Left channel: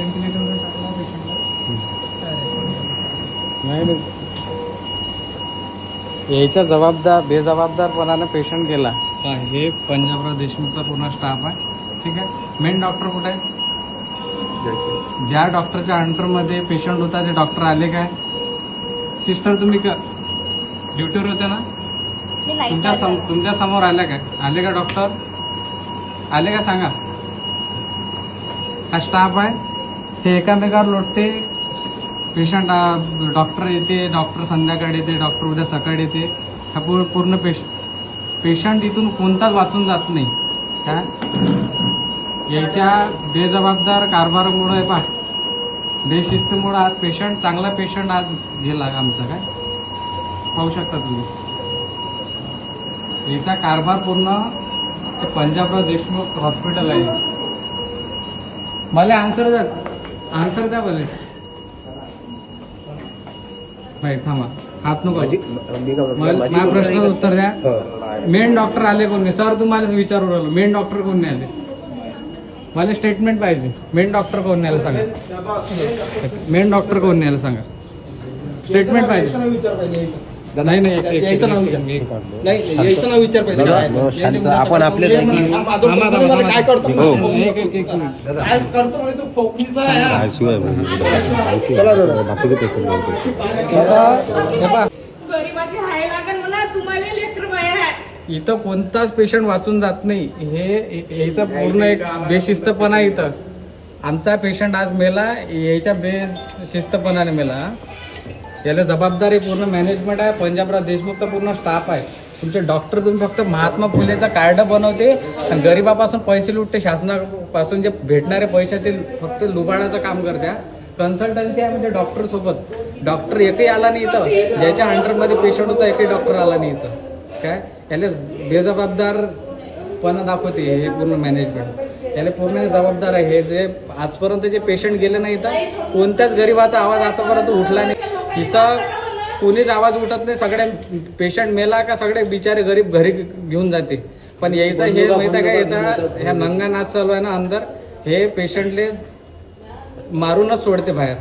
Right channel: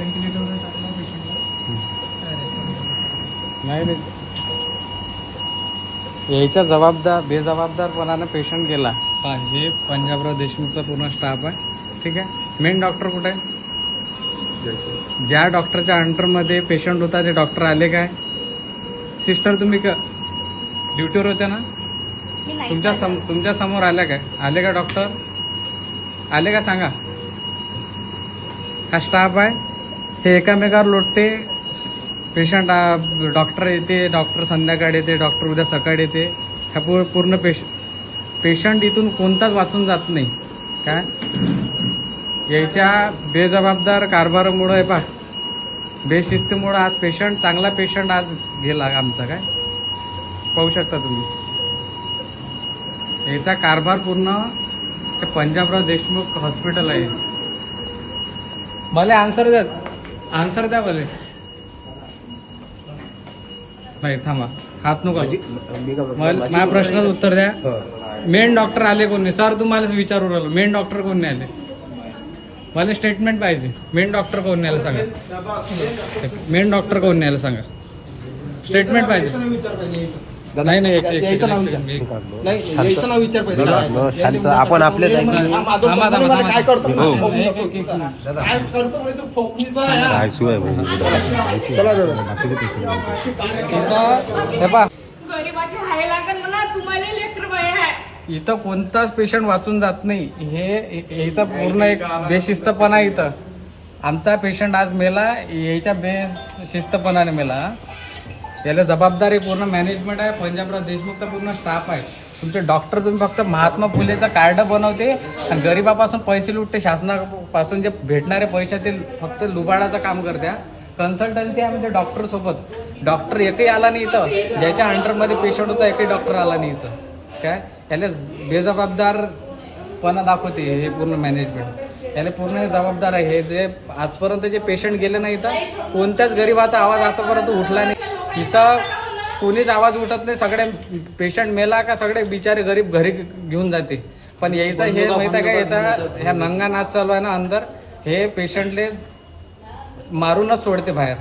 व्हेंटिलेटरवर टाकला पेशंटला. नाही नाही. यायचा जबाबदार बेजबाबदारपणानं पेशंट गेला. हा हे पंजाबराव देशमुखचा पूर्ण स्टाफ आहे. ठीक आहे? मेन डॉक्टर कुठे? आहे ज्या डॉक्टरच्या अंडरमध्ये पेशंट होता ते डॉक्टर आले काय? सिस्टर तुम्ही का ड्युटीवर होत्या ना? तुमच्या सम. तुमच्यासमोर आल्या काय? आले का डॉक्टर आले का सांगा? हा स्टाफ आहे? ते एकामेकावर लोटते. पेशंट डॉक्टर येते डॉक्टर संध्याकाळी येते डॉक्टर उद्या सकाळी येते. ह्या पू- पूर्ण पेश पेशंट इथून कोणताच वाचून जात नाही. काय याच्या बेजबाबदार कारभारामुळं आहे पा बेशिस्तीमुळं आज पेशंट चांगला पेशंट आज गेला आमचा काय? पाहू शकता तुम्ही. याचा कारभार पूर्ण ते पंजाबराव देशमुख हॉस्पिटल आहे. मला आन्सर द्या. आन्सर द्या बोले. नाही थांबा. हात नको. माझ्या प्रश्नाचं उत्तर द्या. मेन डॉक्टर आले कोण नाही सर तुम्हालाच विचारू राहिलो. मेन डॉक्टर कोण नाही आले? मला स्टेटमेंट पाहिजे. मेन डॉक्टर कोण नाही आलं सांगा. मेन डॉक्टर कोण नाही आलं सांगा. स्टेटमेंट पाहिजे. नाही नाही एक- एक- एक- एक- एक- आपण. काय करतो? हो. काय करतो म्हणजे तो फोकणीचा हा. हे आहे. इथं कोणताच पेशंट वाचून जात नाही. हे इथं पूर्ण एक बेशिस्तपणा आहे इथं. आमचा पेशंट आज मेला याच्या बेशिस्तपणाने मेला. याला जबाबदारी पूर्ण मॅनेजमेंट आहे. पंजाबराव देशमुखचा पूर्ण स्टाफ आहे. तुमचे डॉक्टर तुम्ही फक्त महात्मा फुलेचा कार्ड बनवते आणि गरिबापासून पैसे लुटते. शासनापासून जे भेटणारे पैशातील फक्त लुबाडाचं काम करत्या कन्सल्टन्सी आहे म्हणजे डॉक्टर सोबत. डॉक्टर एकही आला नाही इथं. ज्याच्या अंडरमध्ये पेशंट होता एकही डॉक्टर आला नाही इथं. काय? याला बेजबाबदारपणा दाखवते हे पूर्ण मॅनेजमेंट याला पूर्ण जबाबदार आहे. हे जे आजपर्यंत जे पेशंट गेले नाही इथं कोणत्याच गरीबाचा आवाज आतापर्यंत उठला नाही. इथं कोणीच आवाज उठत नाही. सगळे पेशंट मेला का सगळे बिचारे गरीब घरी घेऊन जाते. पण यायचा हे माहीत आहे का? याचा ह्या नंगा नाच चालू आहे ना अंदर. हे पेशंटले मारूनच सोडते बाहेर.